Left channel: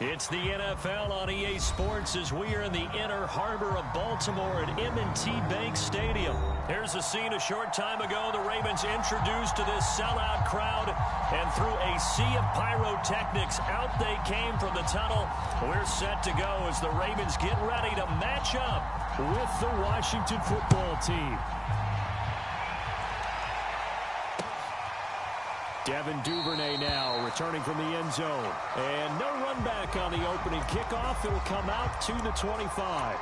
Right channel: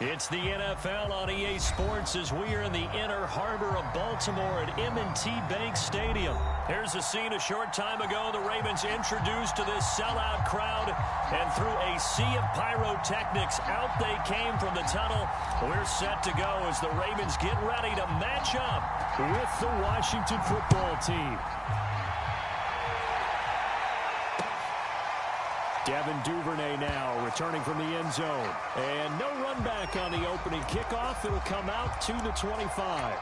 It's the NFL on EA Sports as we are in the inner harbor of Baltimore at M&T Bank Stadium. Here's a scene a short time ago. The Ravens introduced to this sellout crowd, and through a sea of pyrotechnics, out they came from the tunnel. We're set to go as the Ravens get ready to match up with the Washington football team. Devin Duvernay now returning from the end zone. And no run back on the opening kickoff. It'll come out to the 25.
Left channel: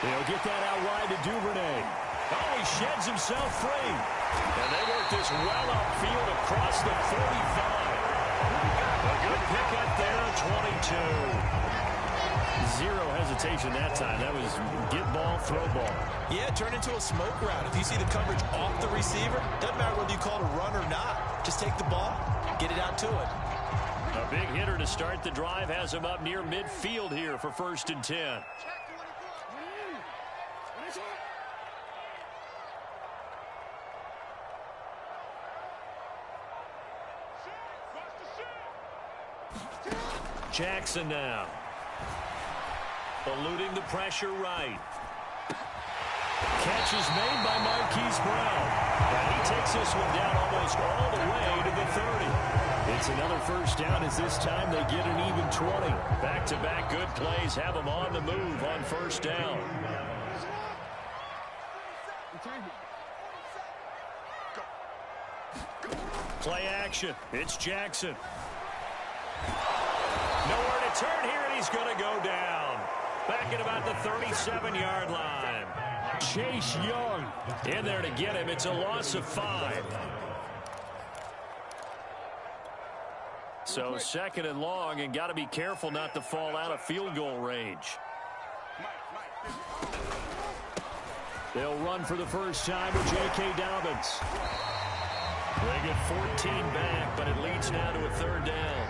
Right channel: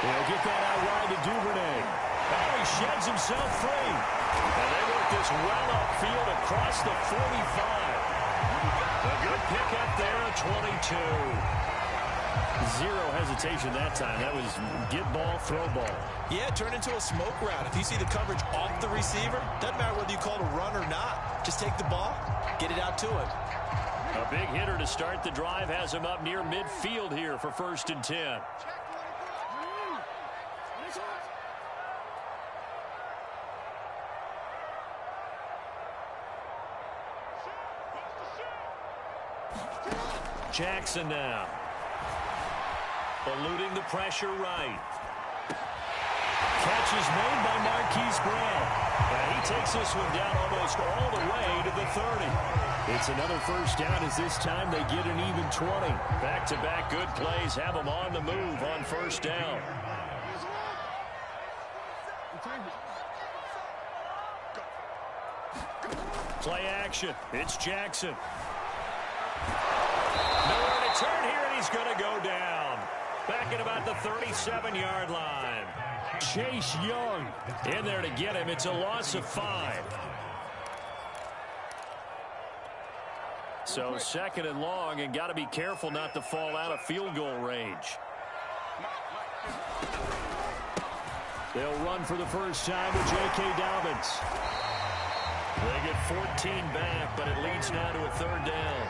He'll get that out wide to Duvernay. Oh, he sheds himself free. And they work this well upfield across the 45. A good pickup there, a 22. Zero hesitation that time. That was get ball, throw ball. Yeah, turn into a smoke route. If you see the coverage off the receiver, doesn't matter whether you call it a run or not. Just take the ball, get it out to him. A big hitter to start the drive has him up near midfield here for 1st and 10. Jackson now. Eluding the pressure right. Catch is made by Marquise Brown. And he takes this one down almost all the way to the 30. It's another first down as this time they get an even 20. Back-to-back good plays have them on the move on first down. Play action. It's Jackson. Nowhere to turn here, and he's going to go down. Back at about the 37-yard line. Chase Young in there to get him. It's a loss of 5. So 2nd and long, and got to be careful not to fall out of field goal range. They'll run for the first time with J.K. Dobbins. They get 14 back, but it leads now to a 3rd down.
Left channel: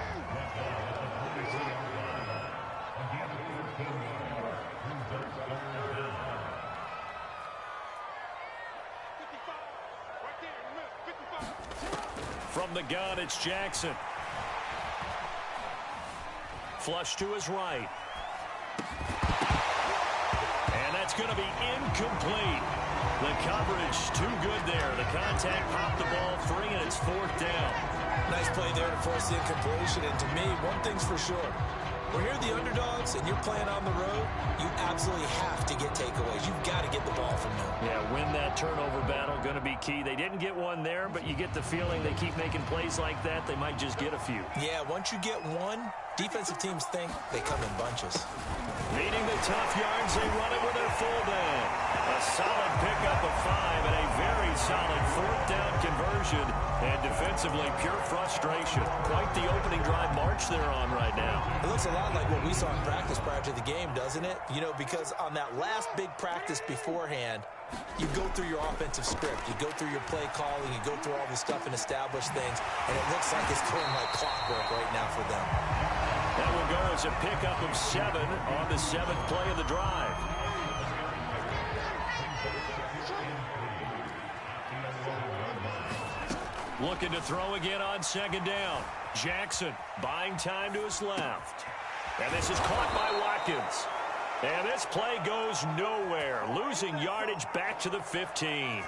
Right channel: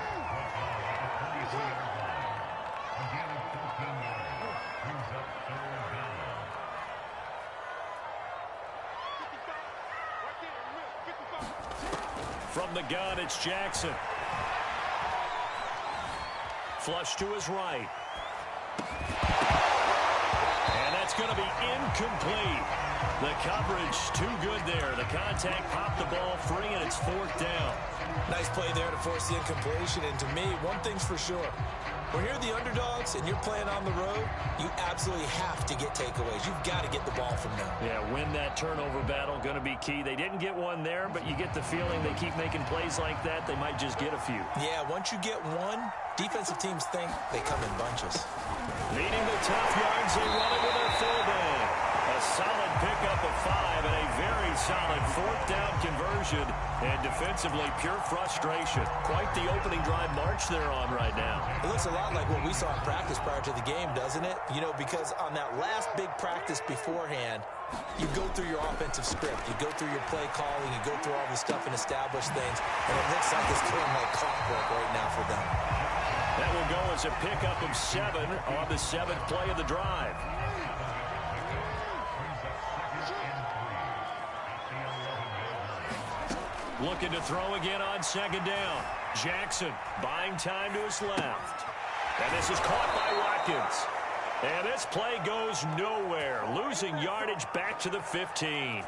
From the gun, it's Jackson. Flush to his right. And that's going to be incomplete. The coverage too good there. The contact popped the ball free, and it's 4th down. Nice play there to force the incompletion. And to me, one thing's for sure. When you're the underdogs and you're playing on the road, you absolutely have to get takeaways. You've got to get the ball from them. Yeah, win that turnover battle, going to be key. They didn't get one there, but you get the feeling they keep making plays like that, they might just get a few. Yeah, once you get one, defensive teams think they come in bunches. Leading the tough yards, they run it with their fullback. A solid pickup of 5 and a very solid 4th down conversion. And defensively, pure frustration. Quite the opening drive march they're on right now. It looks a lot like what we saw in practice prior to the game, doesn't it? You know, because on that last big practice beforehand, you go through your offensive script. You go through your play calling. You go through all the stuff and establish things. And it looks like it's going like clockwork right now for them. That will go as a pickup of 7 on the 7th play of the drive. Looking to throw again on 2nd down. Jackson buying time to his left. And this is caught by Watkins. And this play goes nowhere. Losing yardage back to the 15.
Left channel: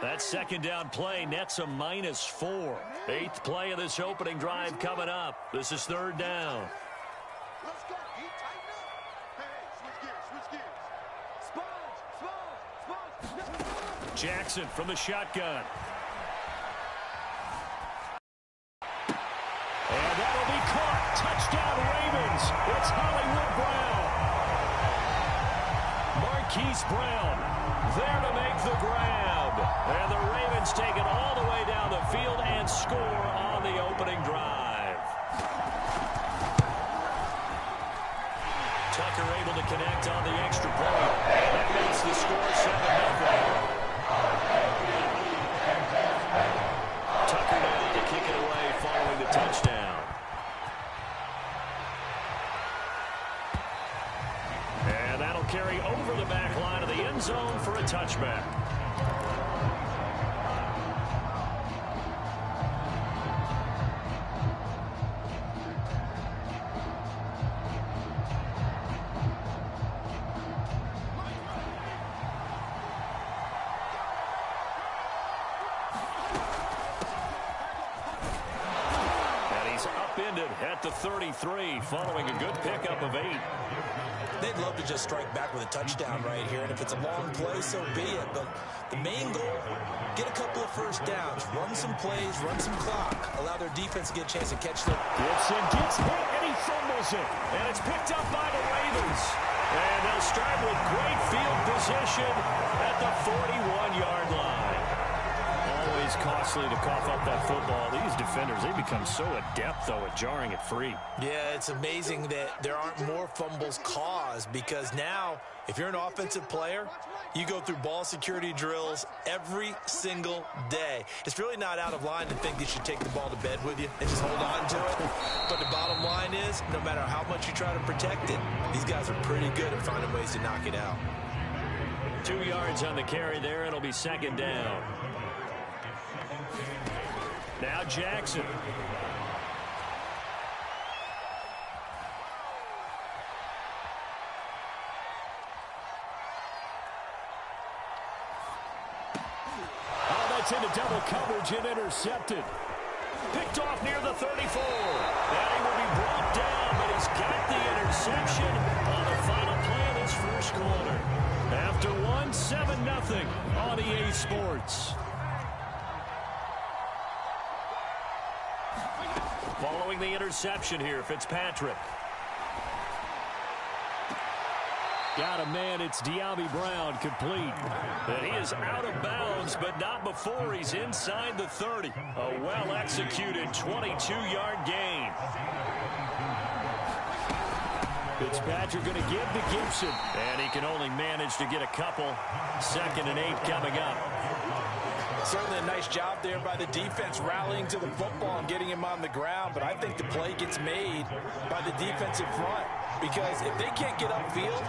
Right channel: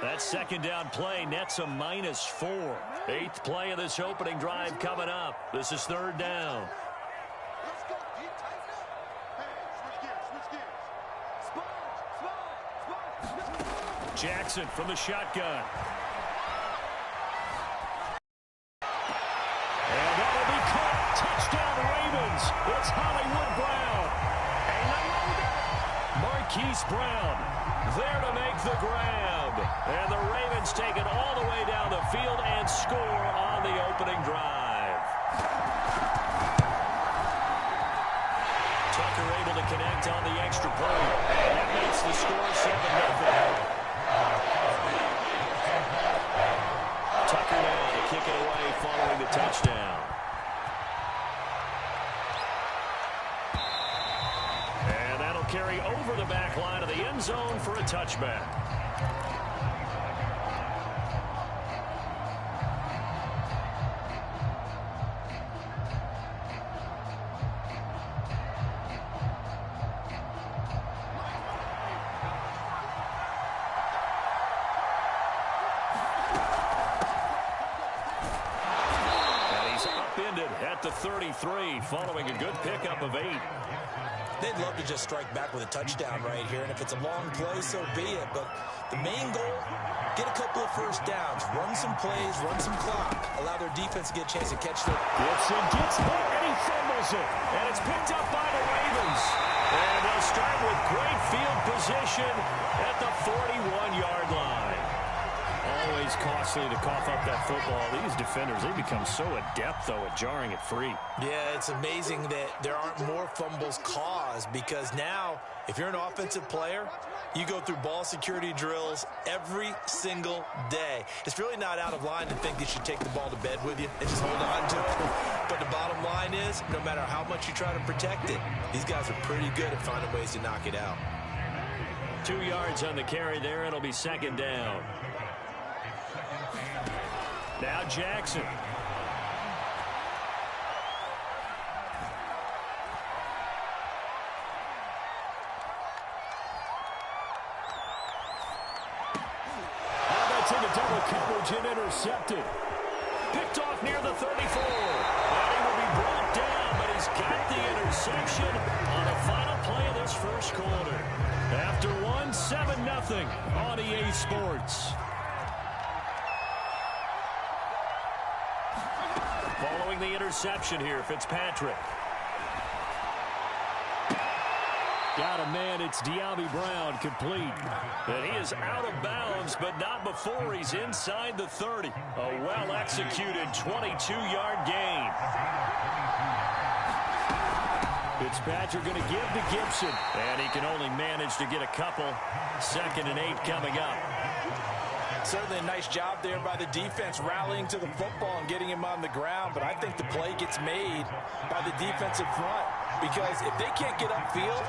That 2nd down play nets a -4. 8th play of this opening drive coming up. This is 3rd down. Let's go. You tighten up. Hey, switch gears. Sponge. Jackson from the shotgun. And that'll be caught. Touchdown, Ravens. It's Hollywood Brown. Marquise Brown there to make the grab. And the Ravens take it all the way down the field and score on the opening drive. Tucker able to connect on the extra point. And that makes the score 7-0. Tucker now to kick it away following the touchdown. And that'll carry over the back line of the end zone for a touchback. At the 33, following a good pickup of 8. They'd love to just strike back with a touchdown right here, and if it's a long play, so be it. But the main goal, get a couple of first downs, run some plays, run some clock, allow their defense to get a chance to catch them. Gibson gets hit, and he fumbles it. And it's picked up by the Ravens. And they'll start with great field position at the 41-yard line. Always costly to cough up that football. These defenders, they become so adept, though, at jarring it free. Yeah, it's amazing that there aren't more fumbles caused, because now, if you're an offensive player, you go through ball security drills every single day. It's really not out of line to think you should take the ball to bed with you and just hold on to it. But the bottom line is, no matter how much you try to protect it, these guys are pretty good at finding ways to knock it out. 2 yards on the carry there. It'll be second down. Now Jackson. Oh, that's into double coverage and intercepted. Picked off near the 34. And he will be brought down, but he's got the interception on the final play of this first quarter. After 7-0 on EA Sports. Following the interception here, Fitzpatrick. Got a man, it's Dyami Brown, complete. And he is out of bounds, but not before he's inside the 30. A well-executed 22-yard gain. Fitzpatrick going to give to Gibson. And he can only manage to get a couple. 2nd and 8 coming up. Certainly a nice job there by the defense rallying to the football and getting him on the ground, but I think the play gets made by the defensive front, because if they can't get upfield,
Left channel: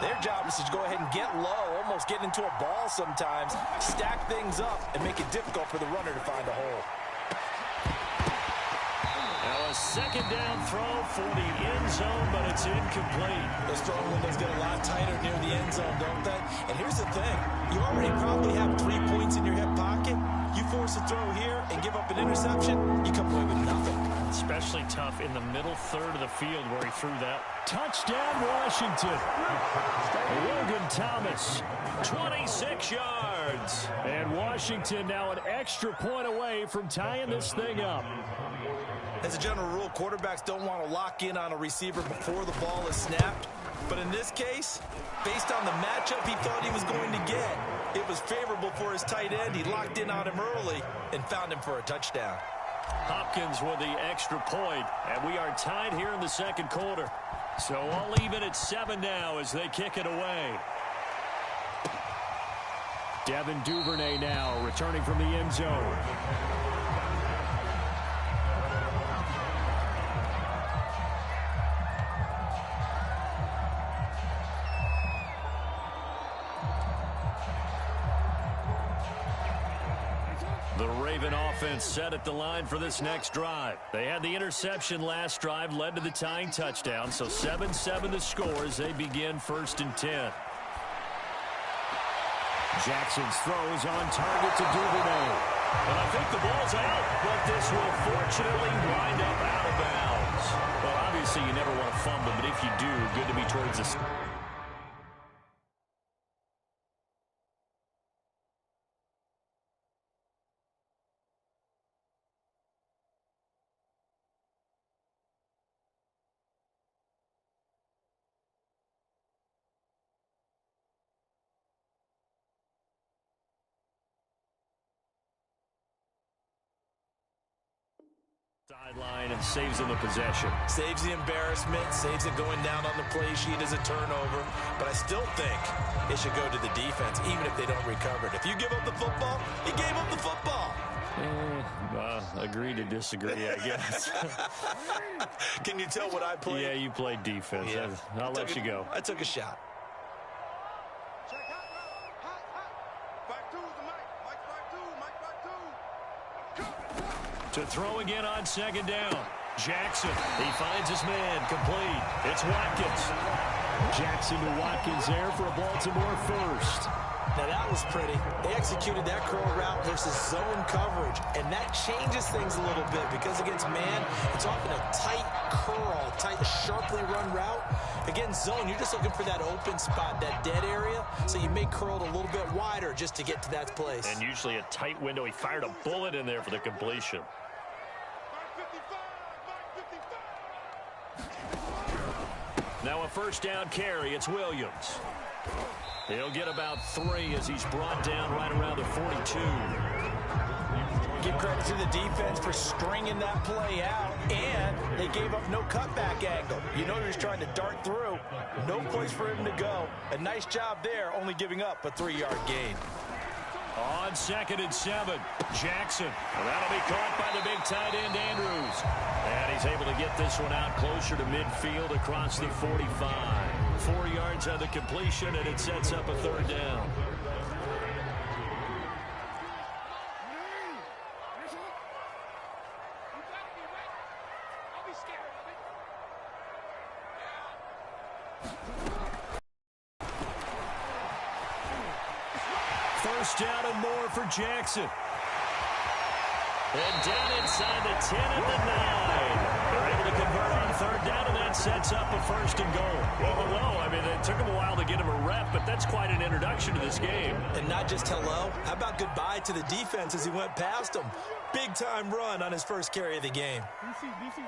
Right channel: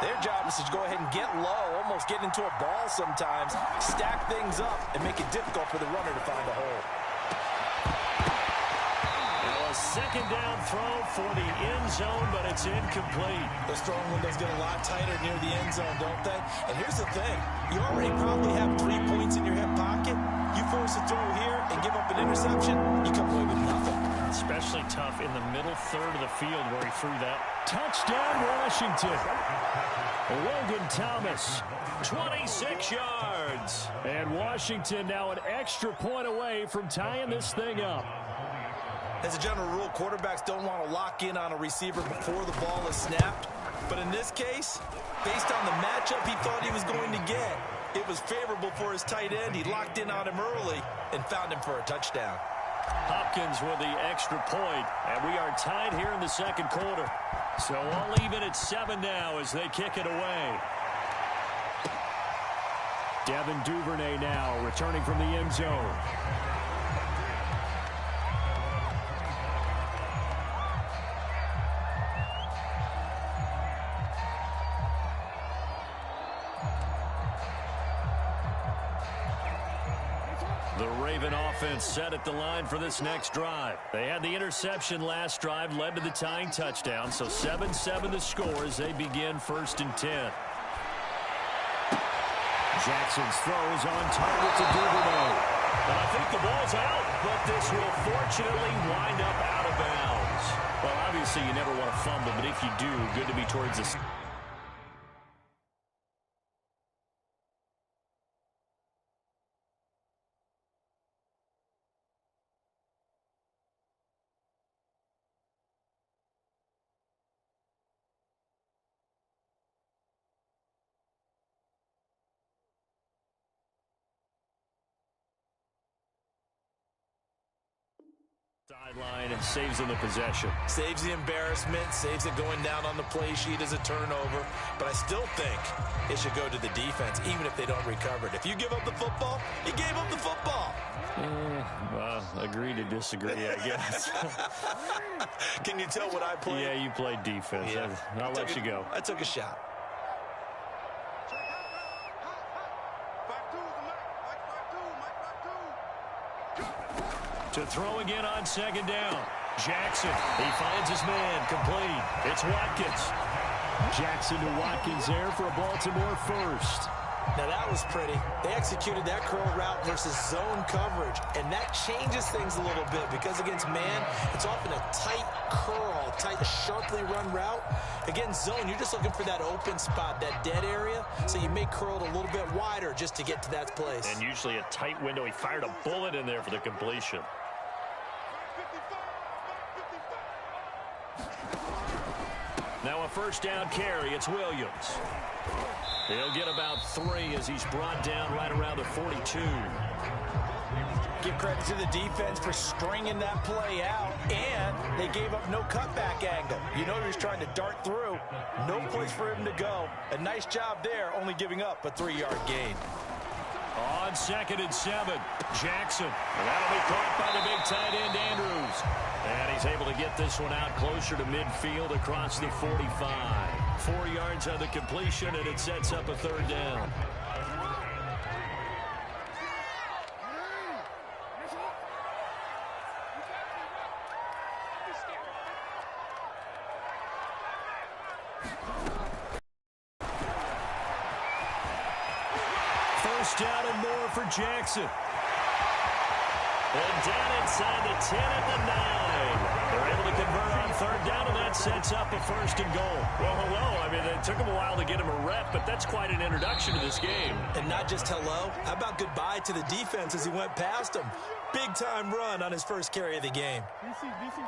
their job is to go ahead and get low, almost get into a ball sometimes, stack things up, and make it difficult for the runner to find a hole. Now a second down throw for the end zone, but it's incomplete. Those throwing windows get a lot tighter near the end zone, don't they? And here's the thing. You already probably have 3 points in your hip pocket. You force a throw here and give up an interception, you come away with nothing. Especially tough in the middle third of the field where he threw that. Touchdown, Washington. Logan Thomas, 26 yards. And Washington now an extra point away from tying this thing up. As a general rule, quarterbacks don't want to lock in on a receiver before the ball is snapped. But in this case, based on the matchup he thought he was going to get, it was favorable for his tight end. He locked in on him early and found him for a touchdown. Hopkins with the extra point, and we are tied here in the second quarter. So all even at 7 now as they kick it away. Devin Duvernay now returning from the end zone. The Raven offense set at the line for this next drive. They had the interception last drive, led to the tying touchdown, so 7-7 the score as they begin 1st and 10. Jackson's throws on target to Duvernay. And I think the ball's out, but this will fortunately wind up out of bounds. Well, obviously you never want to fumble, but if you do, good to be towards the Sideline saves them the possession. Saves the embarrassment, saves it going down on the play sheet as a turnover. But I still think it should go to the defense, even if they don't recover it. If you give up the football, you gave up the football. Agree to disagree, I guess. Can you tell what I played? Yeah, you played defense. Yeah. I'll let you go. I took a shot. Check hot. Hot. 5-2 is the mic. Mike 5-2. To throw again on second down. Jackson, he finds his man, complete. It's Watkins. Jackson to Watkins there for a Baltimore first. Now that was pretty. They executed that curl route versus zone coverage, and that changes things a little bit because against man, it's often a tight curl, tight, sharply run route. Against zone, you're just looking for that open spot, that dead area, so you may curl it a little bit wider just to get to that place. And usually a tight window. He fired a bullet in there for the completion. Now a first down carry. It's Williams. He'll get about 3 as he's brought down right around the 42. Give credit to the defense for stringing that play out, and they gave up no cutback angle. You know he was trying to dart through. No place for him to go. A nice job there, only giving up a 3-yard gain. On 2nd and 7, Jackson. And that'll be caught by the big tight end, Andrews. And he's able to get this one out closer to midfield across the 45. 4 yards on the completion, and it sets up a 3rd down. First down and more for Jackson. And down inside the 10 at the 9. They're able to convert on 3rd down, and that sets up a 1st and goal. Well, hello. I mean, it took him a while to get him a rep, but that's quite an introduction to this game. And not just hello. How about goodbye to the defense as he went past him? Big-time run on his first carry of the game. DC, DC.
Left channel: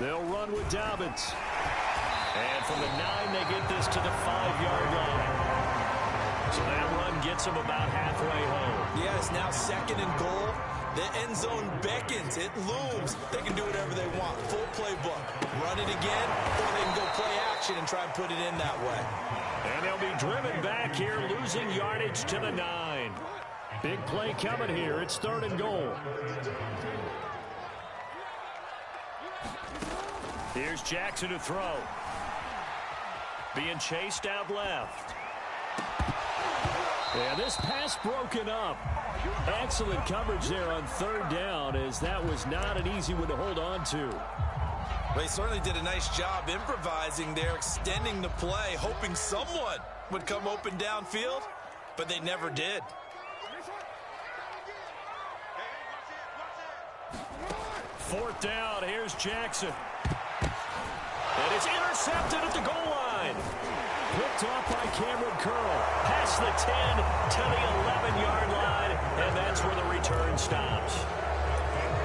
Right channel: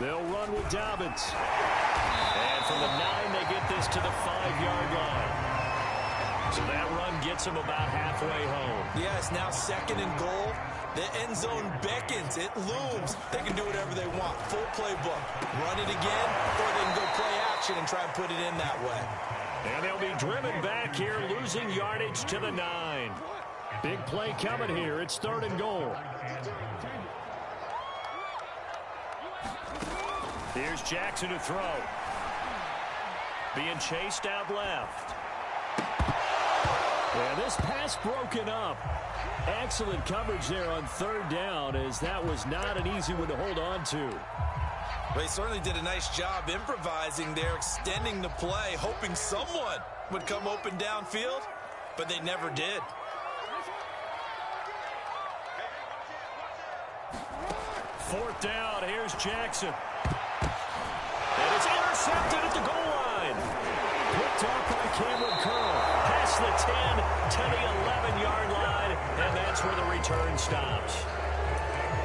They'll run with Dobbins. And from the 9, they get this to the 5-yard line. So that run gets them about halfway home. Yes, now 2nd and goal. The end zone beckons. It looms. They can do whatever they want. Full playbook. Run it again, or they can go play action and try and put it in that way. And they'll be driven back here, losing yardage to the 9. Big play coming here. It's 3rd and goal. Here's Jackson to throw. Being chased out left. Yeah, this pass broken up. Excellent coverage there on 3rd down, as that was not an easy one to hold on to. Well, he certainly did a nice job improvising there, extending the play, hoping someone would come open downfield, but they never did. 4th down, here's Jackson. And it's intercepted at the goal line. Picked off by Cameron Curl. Past the 10 to the 11-yard line, and that's where the return stops.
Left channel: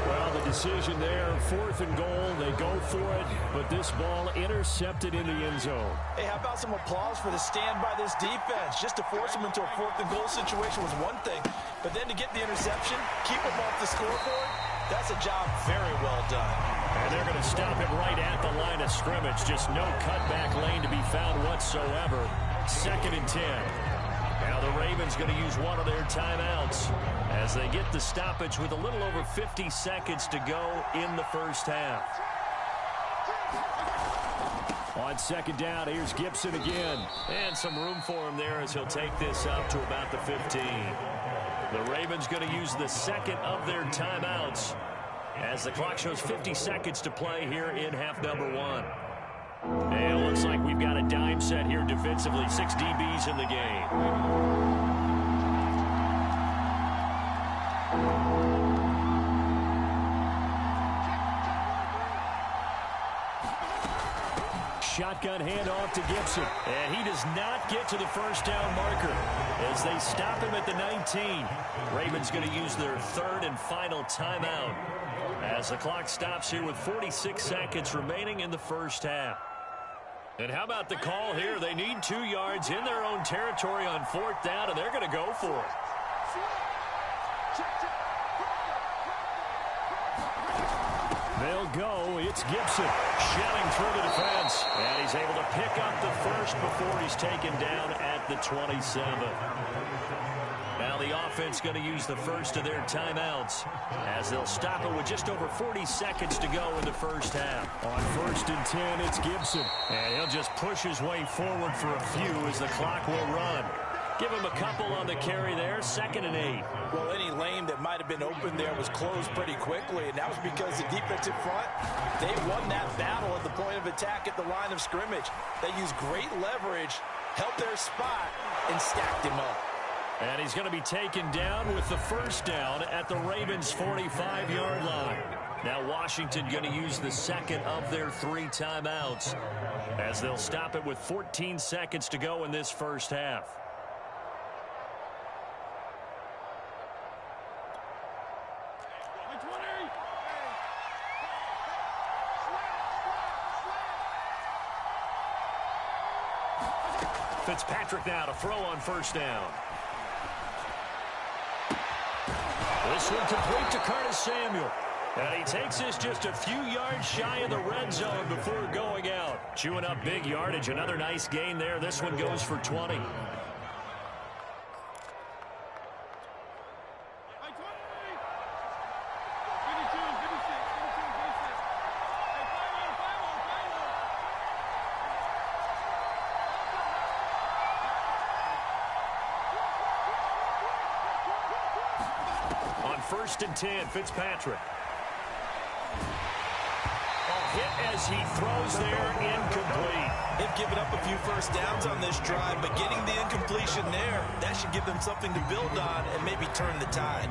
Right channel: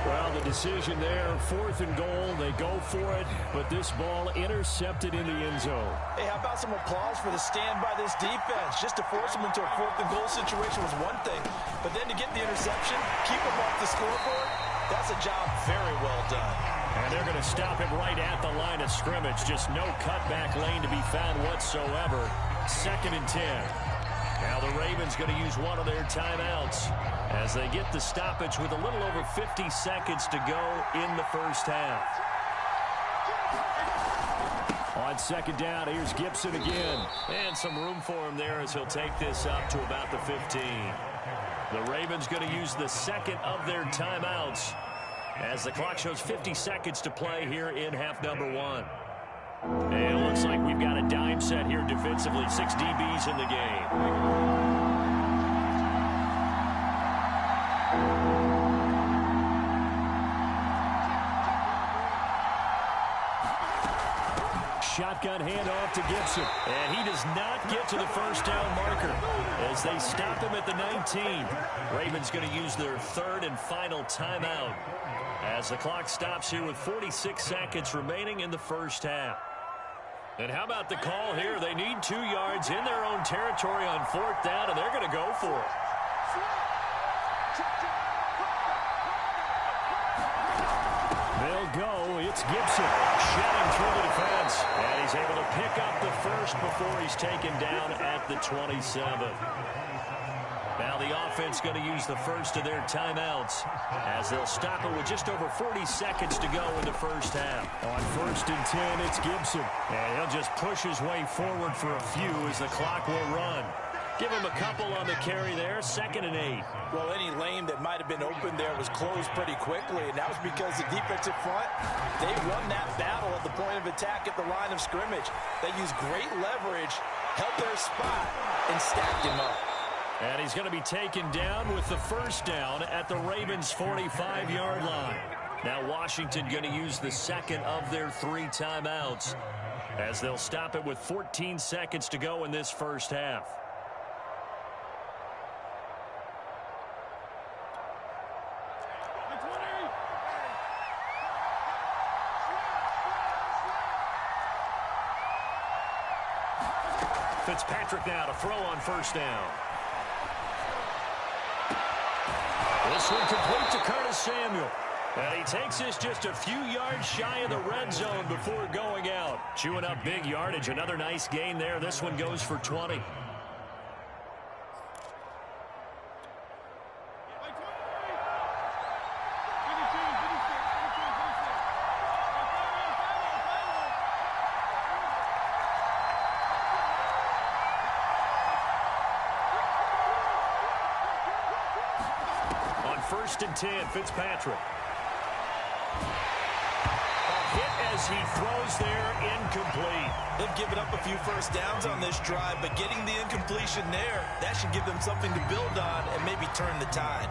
Well, the decision there, 4th and goal. They go for it, but this ball intercepted in the end zone. Hey, how about some applause for the stand by this defense? Just to force them into a 4th and goal situation was one thing, but then to get the interception, keep them off the scoreboard, that's a job very well done. And they're going to stop him right at the line of scrimmage. Just no cutback lane to be found whatsoever. 2nd and 10. Now the Ravens going to use one of their timeouts as they get the stoppage with a little over 50 seconds to go in the first half. On 2nd down, here's Gibson again. And some room for him there as he'll take this up to about the 15. The Ravens going to use the 2nd of their timeouts as the clock shows 50 seconds to play here in half number 1. And it looks like we've got a dime set here defensively. 6 DBs in the game. shotgun handoff to Gibson. And he does not get to the first down marker as they stop him at the 19. Ravens going to use their third and final timeout as the clock stops here with 46 seconds remaining in the first half. And how about the call here? They need 2 yards in their own territory on 4th down, and they're going to go for it. They'll go. It's Gibson shedding through the defense. And he's able to pick up the first before he's taken down at the 27. Now the offense going to use the first of their timeouts as they'll stop it with just over 40 seconds to go in the first half. On 1st and 10, it's Gibson. And he'll just push his way forward for a few as the clock will run. Give him a couple on the carry there, 2nd and 8. Well, any lane that might have been open there was closed pretty quickly, and that was because the defensive front, they won that battle at the point of attack at the line of scrimmage. They used great leverage, held their spot, and stacked him up. And he's going to be taken down with the first down at the Ravens' 45-yard line. Now Washington going to use the second of their 3 timeouts as they'll stop it with 14 seconds to go in this first half. Fitzpatrick now to throw on first down. This one complete to Curtis Samuel. And he takes this just a few yards shy of the red zone before going out. Chewing up big yardage. Another nice gain there. This one goes for 20. On 1st and 10, Fitzpatrick. Hit as he throws there, incomplete. They've given up a few first downs on this drive, but getting the incompletion there, that should give them something to build on and maybe turn the tide.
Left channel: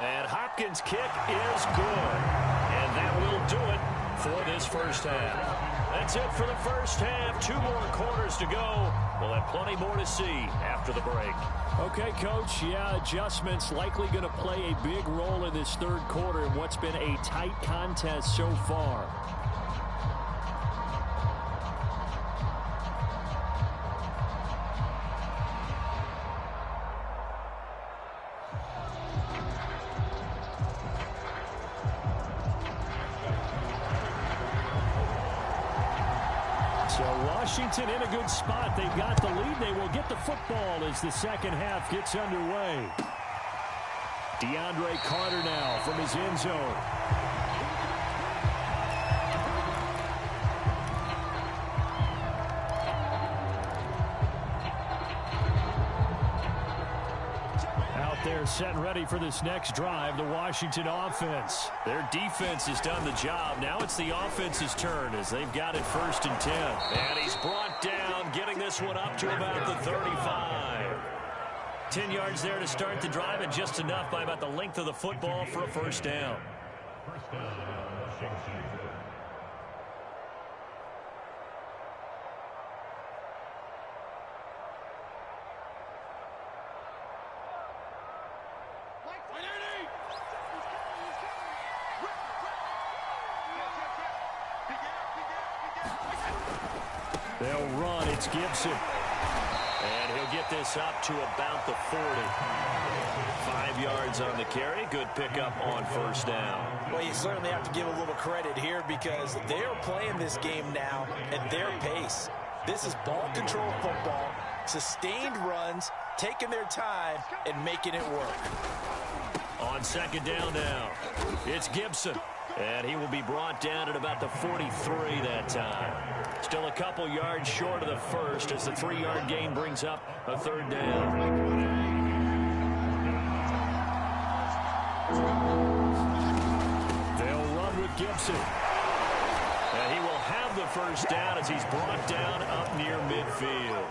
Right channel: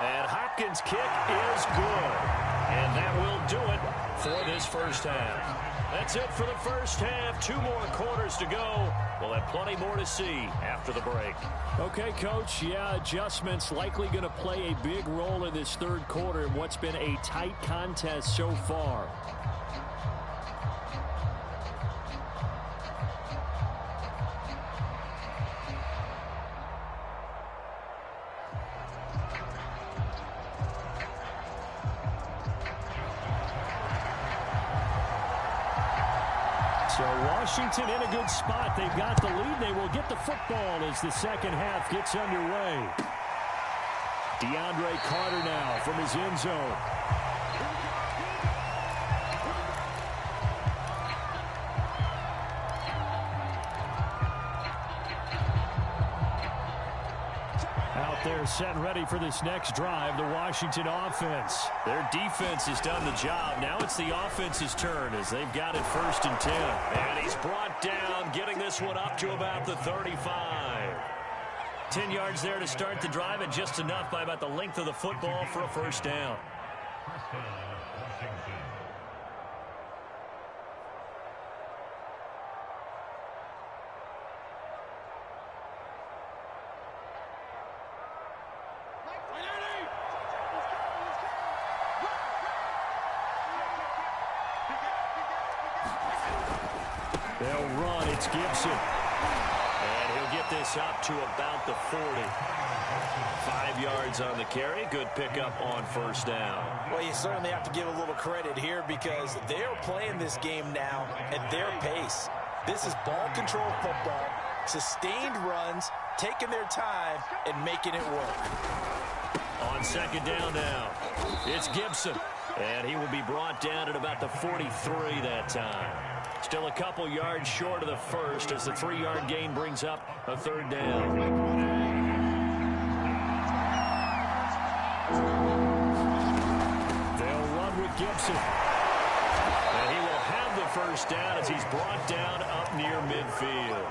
And Hopkins' kick is good. And that will do it for this first half. That's it for the first half. 2 more quarters to go. We'll have plenty more to see after the break. Okay, Coach. Yeah, adjustments likely going to play a big role in this third quarter in what's been a tight contest so far. So Washington in a good spot. They've got the lead. They will get the football as the second half gets underway. DeAndre Carter now from his end zone. Out there set and ready for this next drive, the Washington offense. Their defense has done the job. Now it's the offense's turn as they've got it 1st and 10. And he's brought down, getting this one up to about the 35. 10 yards there to start the drive, and just enough by about the length of the football for a first down. First down, Washington. They'll run. It's Gibson. And he'll get this up to about the 40. 5 yards on the carry. Good pickup on first down. Well, you certainly have to give a little credit here because they're playing this game now at their pace. This is ball control football, sustained runs, taking their time, and making it work. On second down now, it's Gibson. And he will be brought down at about the 43 that time. Still a couple yards short of the first as the 3-yard gain brings up a third down. They'll run with Gibson. And he will have the first down as he's brought down up near midfield.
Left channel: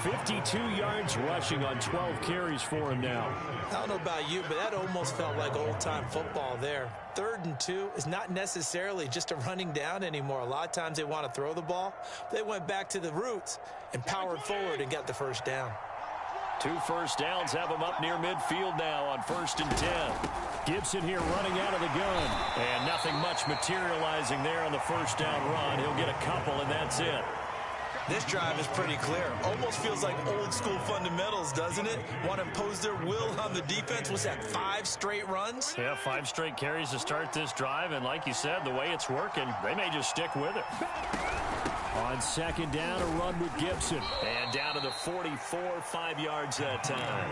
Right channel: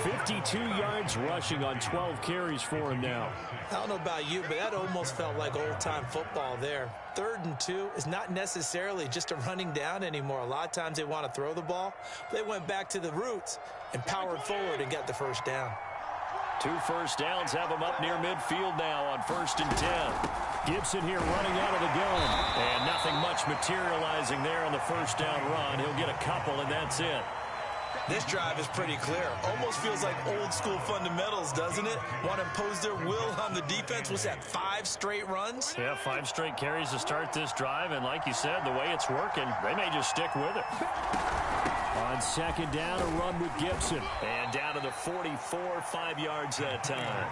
52 yards rushing on 12 carries for him now. I don't know about you, but that almost felt like old-time football there. 3rd and 2 is not necessarily just a running down anymore. A lot of times they want to throw the ball. They went back to the roots and powered forward and got the first down. 2 first downs have him up near midfield now on 1st and 10. Gibson here running out of the gun. And nothing much materializing there on the first down run. He'll get a couple, and that's it. This drive is pretty clear. Almost feels like old school fundamentals, doesn't it? Want to impose their will on the defense. Was that 5 straight runs? Yeah, 5 straight carries to start this drive. And like you said, the way it's working, they may just stick with it. On 2nd down, a run with Gibson. And down to the 44, 5 yards that time.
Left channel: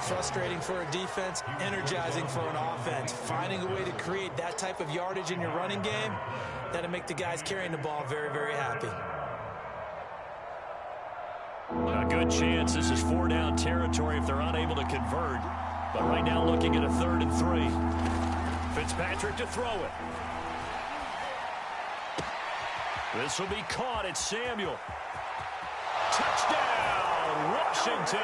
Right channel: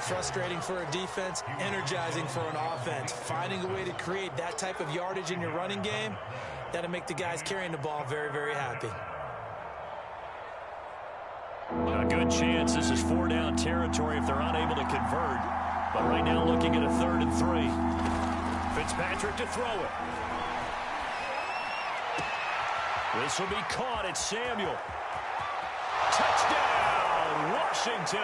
Frustrating for a defense, energizing for an offense. Finding a way to create that type of yardage in your running game, that'll make the guys carrying the ball very, very happy. A good chance this is 4-down territory if they're unable to convert. But right now looking at a 3rd and 3. Fitzpatrick to throw it. This will be caught. It's Samuel. Touchdown, Washington.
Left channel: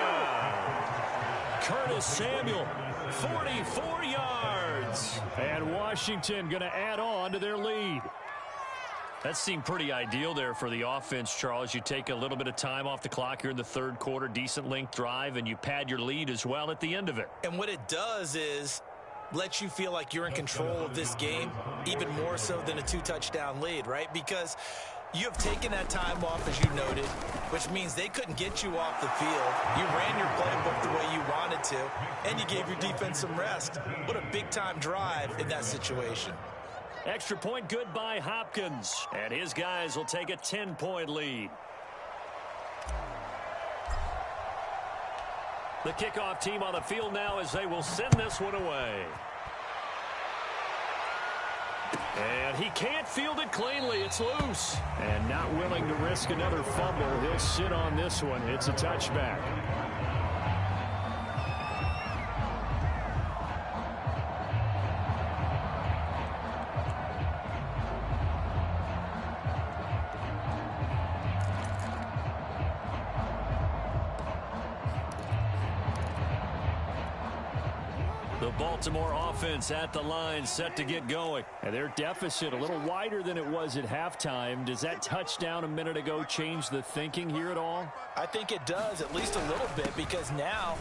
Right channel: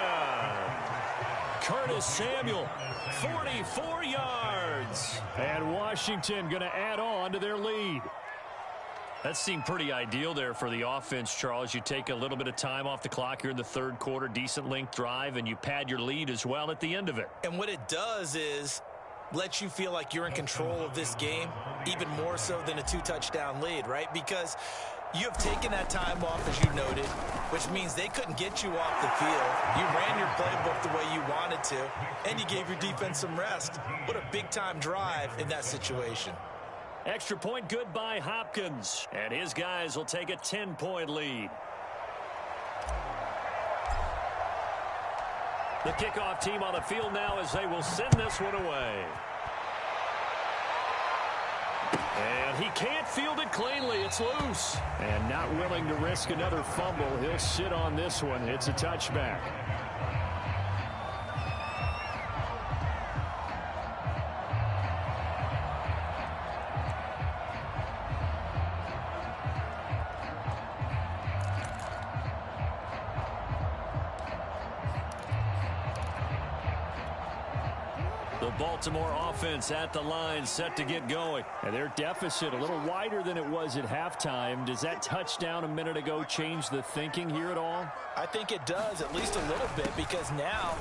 Curtis Samuel, 44 yards. And Washington going to add on to their lead. That seemed pretty ideal there for the offense, Charles. You take a little bit of time off the clock here in the 3rd quarter, decent length drive, and you pad your lead as well at the end of it. And what it does is let you feel like you're in control of this game, even more so than a 2-touchdown lead, right? Because you have taken that time off, as you noted, which means they couldn't get you off the field. You ran your playbook the way you wanted to, and you gave your defense some rest. What a big-time drive in that situation. Extra point good by Hopkins. And his guys will take a 10-point lead. The kickoff team on the field now as they will send this one away. And he can't field it cleanly. It's loose. And not willing to risk another fumble. He'll sit on this one. It's a touchback. The Baltimore offense at the line, set to get going. And their deficit a little wider than it was at halftime. Does that touchdown a minute ago change the thinking here at all? I think it does, at least a little bit, because now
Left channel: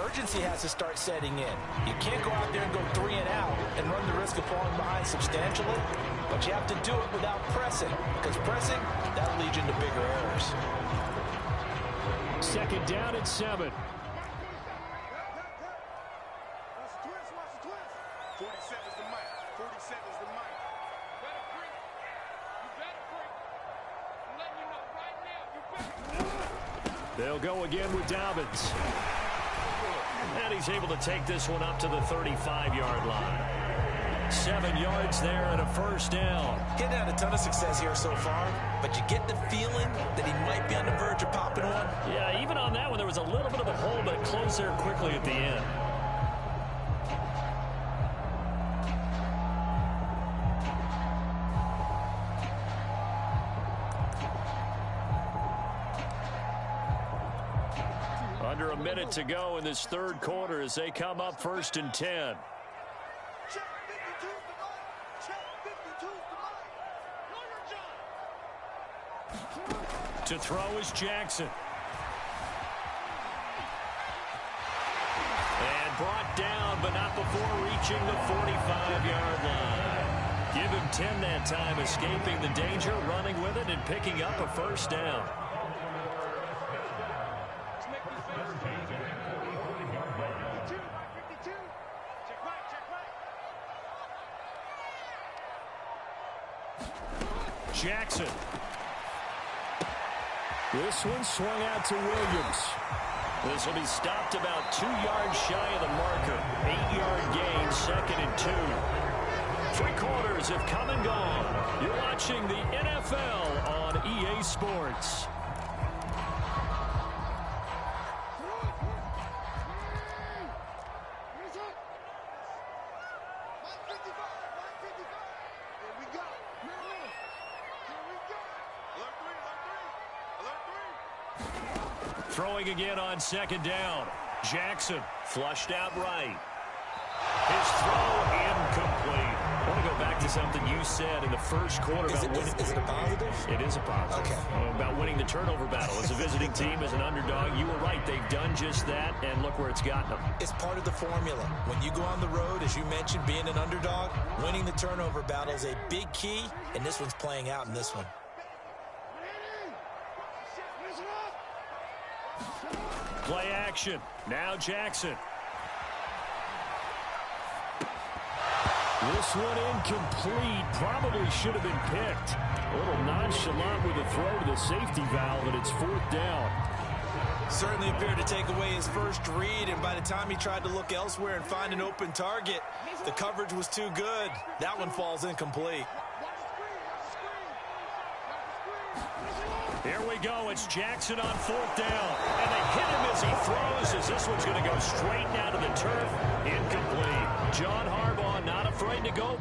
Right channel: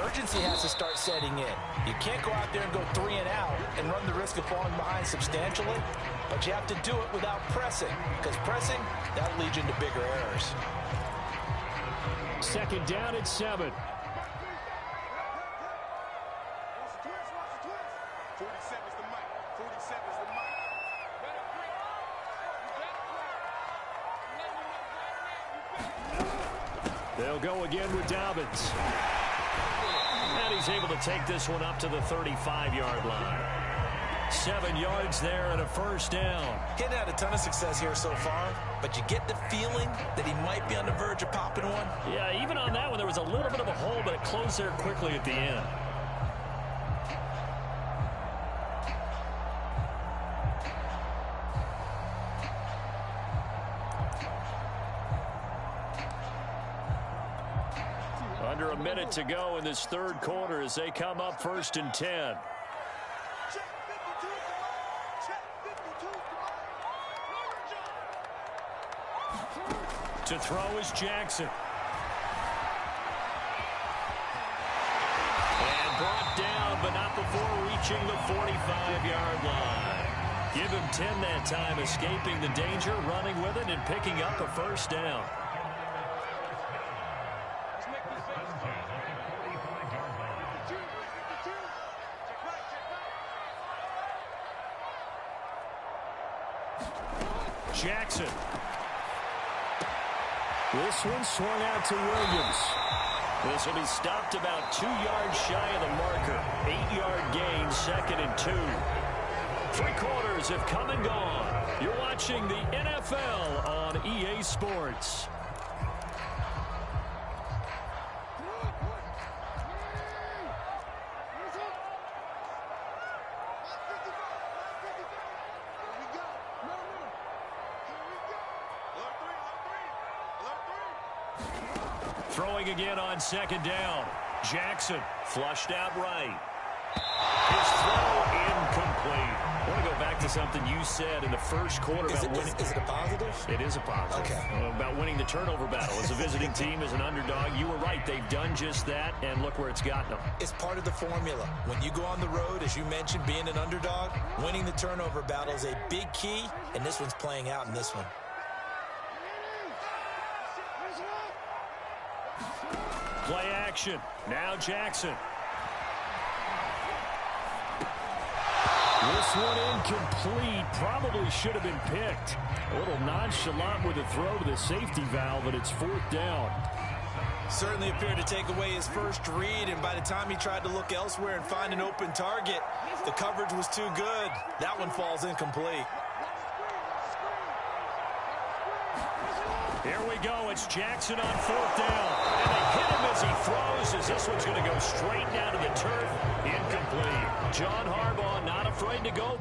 urgency has to start setting in. You can't go out there and go 3 and out and run the risk of falling behind substantially, but you have to do it without pressing, because pressing, that'll lead you into bigger errors. 2nd down at 7. 47's the mic. 47's the mic. Better break. You better break. I'm letting you know right now, you better. They'll go again with Dobbins. And he's able to take this one up to the 35-yard line. 7 yards there and a 1st down. He's had a ton of success here so far, but you get the feeling that he might be on the verge of popping one. Yeah, even on that one, there was a little bit of a hole, but it closed there quickly at the end. Under a minute to go in this 3rd quarter as they come up 1st and 10. Check 52's the mic. Check 52's the mic. Know your job. To throw is Jackson. And brought down, but not before reaching the 45-yard line. Give him 10 that time, escaping the danger, running with it, and picking up a 1st down. Jackson. This one swung out to Williams. This will be stopped about 2 yards shy of the marker. 8-yard gain, 2nd and 2. 3 quarters have come and gone. You're watching the NFL on EA Sports. Alert three. Throwing again on second down. Jackson flushed out right. His throw incomplete. I want to go back to something you said in the first quarter about winning. Is it a positive? It is a positive. Okay. About winning the turnover battle. As a visiting team, as an underdog, you were right. They've done just that, and look where it's gotten them. It's part of the formula. When you go on the road, as you mentioned, being an underdog, winning the turnover battle is a big key, and this one's playing out in this one. Play action. Now Jackson. This one incomplete. Probably should have been picked. A little nonchalant with a throw to the safety valve, and it's fourth down. Certainly appeared to take away his first read, and by the time he tried to look elsewhere and find an open target, the coverage was too good. That one falls incomplete. Here we go. It's Jackson on fourth down. And they hit him as he throws, as this one's going to go straight down to the turf. Incomplete. John Harbaugh not afraid to go